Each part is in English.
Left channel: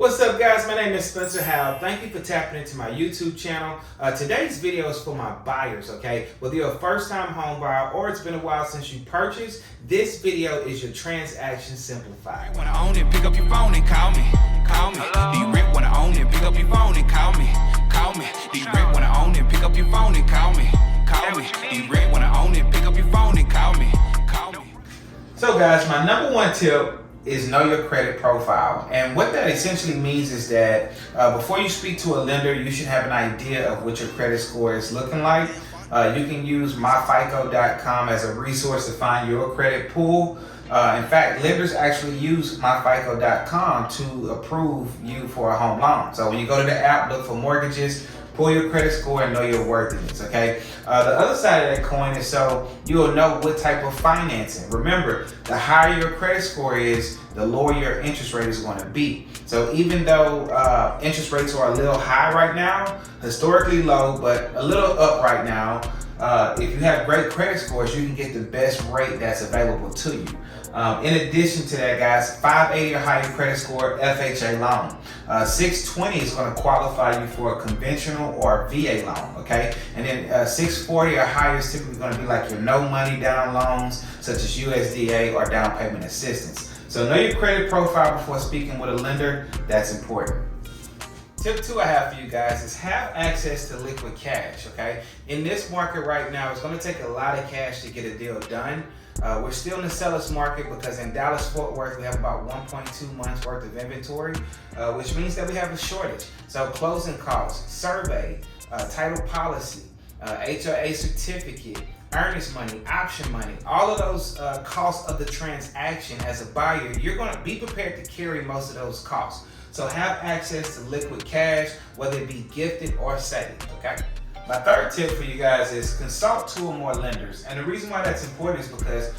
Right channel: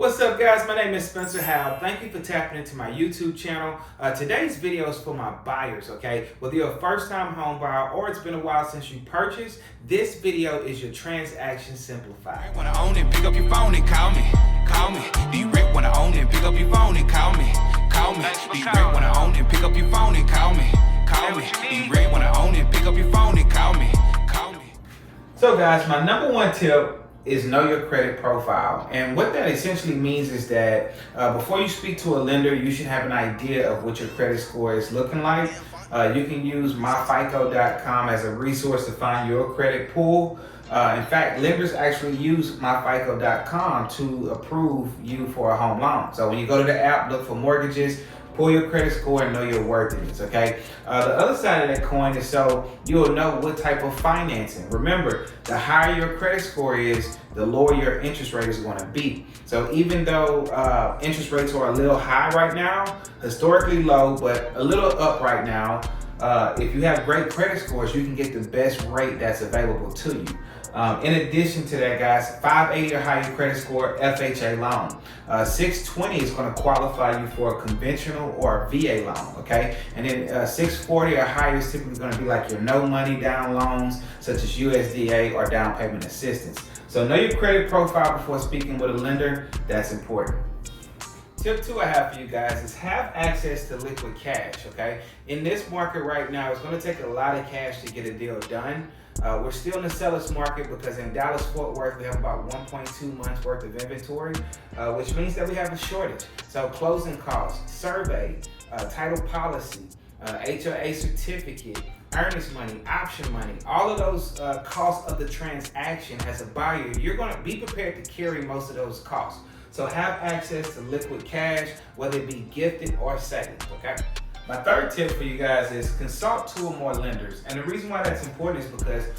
What's up, guys? My name is Spencer Howe. Thank you for tapping into my YouTube channel. Today's video is for my buyers, okay? Whether you're a first-time home buyer or it's been a while since you purchased, this video is your transaction simplified. Wanna own it, pick up your phone and call me. Call me. Do you rent wanna own it, pick up your phone and call me. Call me. Do you rent wanna own it, pick up your phone and call me. Call me. Do you rent wanna own it, pick up your phone and call me. Call me. So guys, my number one tip is know your credit profile. And what that essentially means is that before you speak to a lender, you should have an idea of what your credit score is looking like. You can use myfico.com as a resource to find your credit pool. In fact, lenders actually use myfico.com to approve you for a home loan. So when you go to the app, look for mortgages, pull your credit score and know your worthiness, okay? The other side of that coin is so you'll know what type of financing. Remember, the higher your credit score is, the lower your interest rate is going to be. So even though interest rates are a little high right now, historically low, but a little up right now, if you have great credit scores, you can get the best rate that's available to you. In addition to that, guys, 580 or higher credit score, FHA loan. 620 is going to qualify you for a conventional or a VA loan, okay? And then 640 or higher is typically going to be like your no money down loans, such as USDA or down payment assistance. So know your credit profile before speaking with a lender. That's important. Tip 2 I have for you guys is have access to liquid cash, okay? In this market right now, it's going to take a lot of cash to get a deal done. We're still in the seller's market because in Dallas-Fort Worth, we have about 1.2 months worth of inventory, which means that we have a shortage. So closing costs, survey, title policy, HOA certificate, earnest money, option money, all of those costs of the transaction as a buyer, you're going to be prepared to carry most of those costs. So have access to liquid cash, whether it be gifted or saved, okay? My third tip for you guys is consult 2 or more lenders. And the reason why that's important is because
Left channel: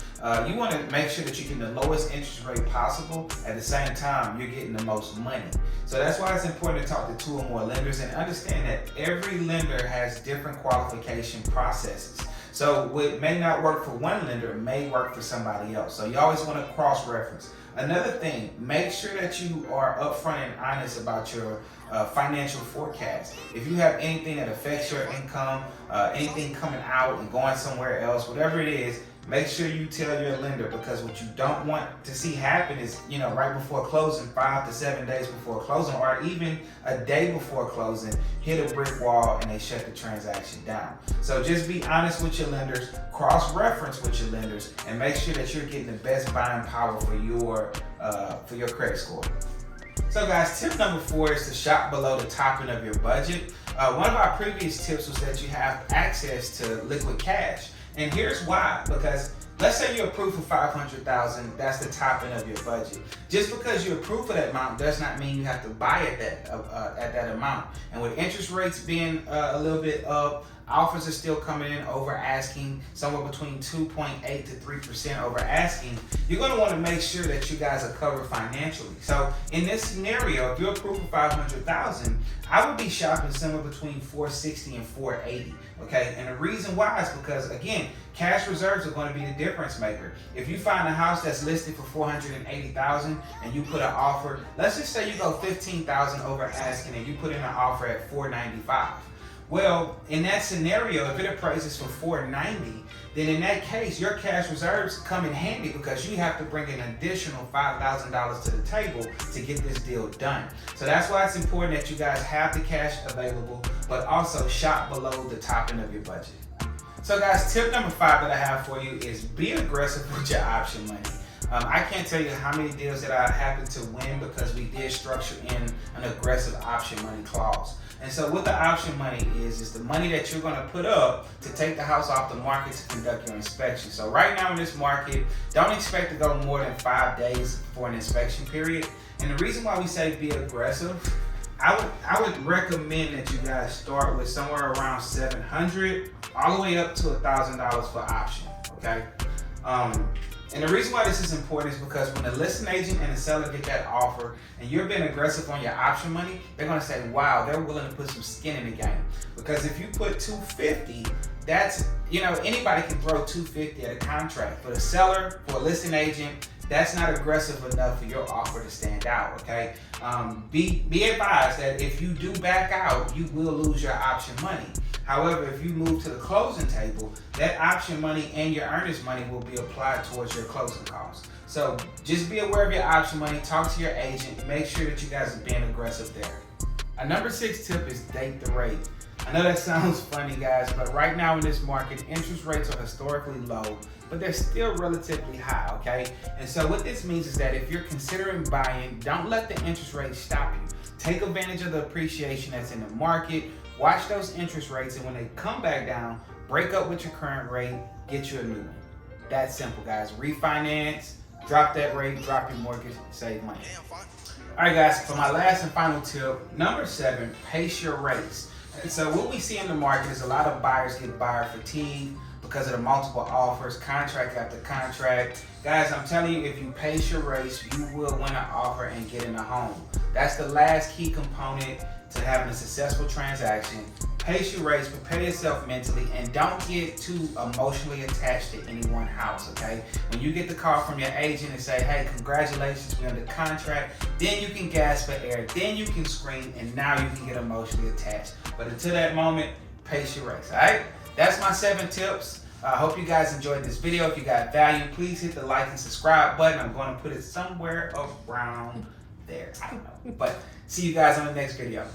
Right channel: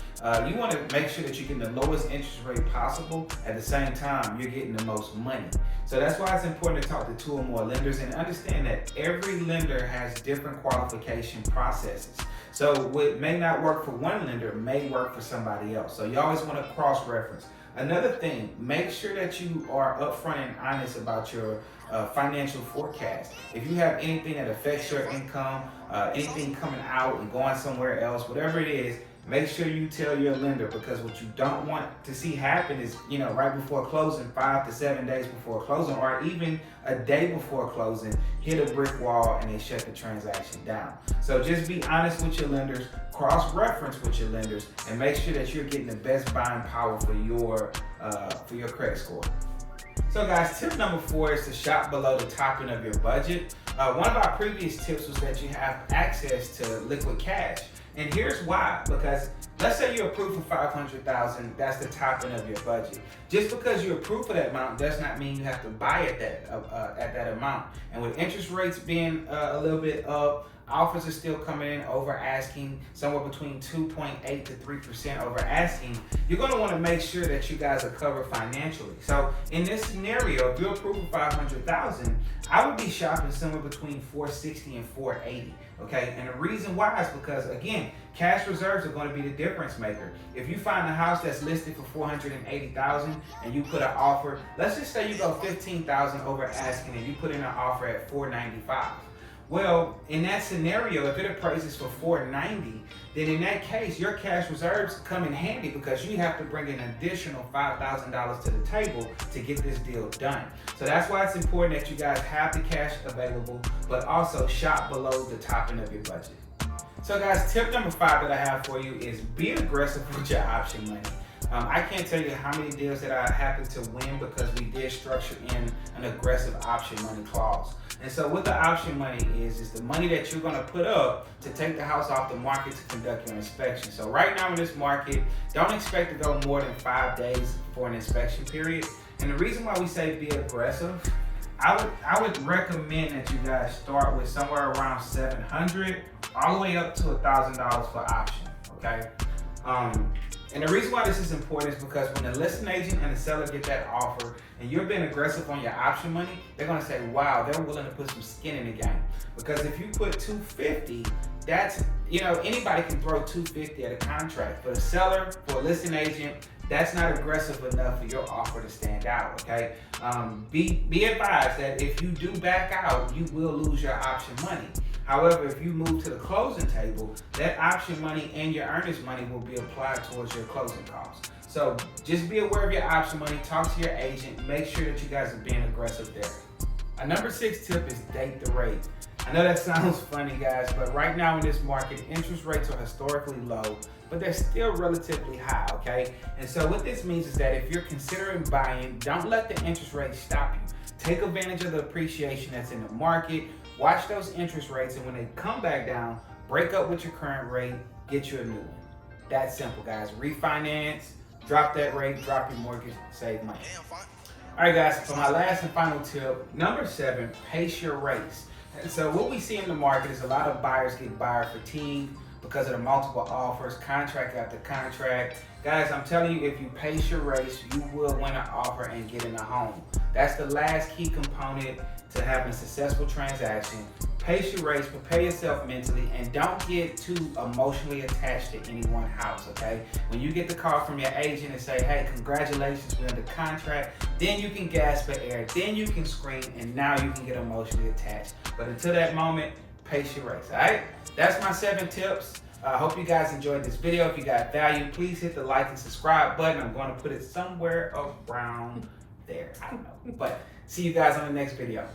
you want to make sure that you're getting the lowest interest rate possible. At the same time, you're getting the most money. So that's why it's important to talk to 2 or more lenders and understand that every lender has different qualification processes. So what may not work for one lender may work for somebody else. So you always want to cross-reference. Another thing, make sure that you are upfront and honest about your financial forecast. If you have anything that affects your income, anything coming out and going somewhere else, whatever it is, make sure you tell your lender, because what you don't want to see happen is, right before closing, 5 to 7 days before closing, or even a day before closing, hit a brick wall and they shut the transaction down. So just be honest with your lenders, cross-reference with your lenders, and make sure that you're getting the best buying power for your credit score. So guys, tip number 4 is to shop below the top end of your budget. One of our previous tips was that you have access to liquid cash. And here's why, because let's say you're approved for $500,000, that's the top end of your budget. Just because you're approved for that amount does not mean you have to buy at that amount. And with interest rates being a little bit up, offers are still coming in over asking, somewhere between 2.8 to 3% over asking. You're going to want to make sure that you guys are covered financially. So in this scenario, if you're approved for $500,000, I would be shopping somewhere between $460 and $480. Okay, and the reason why is because, again, cash reserves are going to be the difference maker. If you find a house that's listed for $480,000 and you put an offer, let's just say you go $15,000 over asking and you put in an offer at $495. Well, in that scenario, if it appraises for $490, then in that case, your cash reserves come in handy because you have to bring an additional $5,000 to the table to get this deal done. So that's why it's important that you guys have the cash available, but also shop below the top end of your budget. So guys, tip number 5 that I have for you is be aggressive with your option money. I can't tell you how many deals that I happened to win because we did structure in an aggressive option money clause. And so what the option money is the money that you're going to put up to take the house off the market to conduct your inspection. So right now in this market, don't expect to go more than 5 days for an inspection period. And the reason why we say be aggressive, I would recommend that you guys start with somewhere around $700 all the way up to $1,000 for option, okay? And the reason why this is important is because when the listing agent and the seller get that offer and you're being aggressive on your option money, they're going to say, wow, they're willing to put some skin in the game. Because if you put $250, that's, anybody can throw $250 at a contract. For the seller, for a listing agent, that's not aggressive enough for your offer to stand out, okay? Be advised that if you do back out, you will lose your option money. However, if you move to the closing table, that option money and your earnest money will be applied towards your closing costs. So just be aware of your option money, talk to your agent, make sure that you guys are being aggressive there. Our number 6 tip is date the rate. I know that sounds funny, guys, but right now in this market, interest rates are historically low, but they're still relatively high, okay? And so what this means is that if you're considering buying, don't let the interest rate stop you. Take advantage of the appreciation that's in the market, watch those interest rates, and when they come back down, break up with your current rate, get you a new one. That's simple, guys. Refinance, drop that rate, drop your mortgage, save money. All right, guys, for my last and final tip, number 7, pace your rates. And so what we see in the market is a lot of buyers get buyer fatigue because of the multiple offers, contract after contract. Guys, I'm telling you, if you pace your race, you will win an offer and get in a home. That's the last key component to having a successful transaction. Pace your race, prepare yourself mentally, and don't get too emotionally attached to any one house, okay? When you get the call from your agent and say, hey, congratulations, we're under contract, then you can gasp for air, then you can scream, and now you can get emotionally attached. But until that moment, pace your race, all right? That's my 7 tips. I hope you guys enjoyed this video. If you got value, please hit the like and subscribe button. I'm going to put it somewhere around there. I don't know. But see you guys on the next video.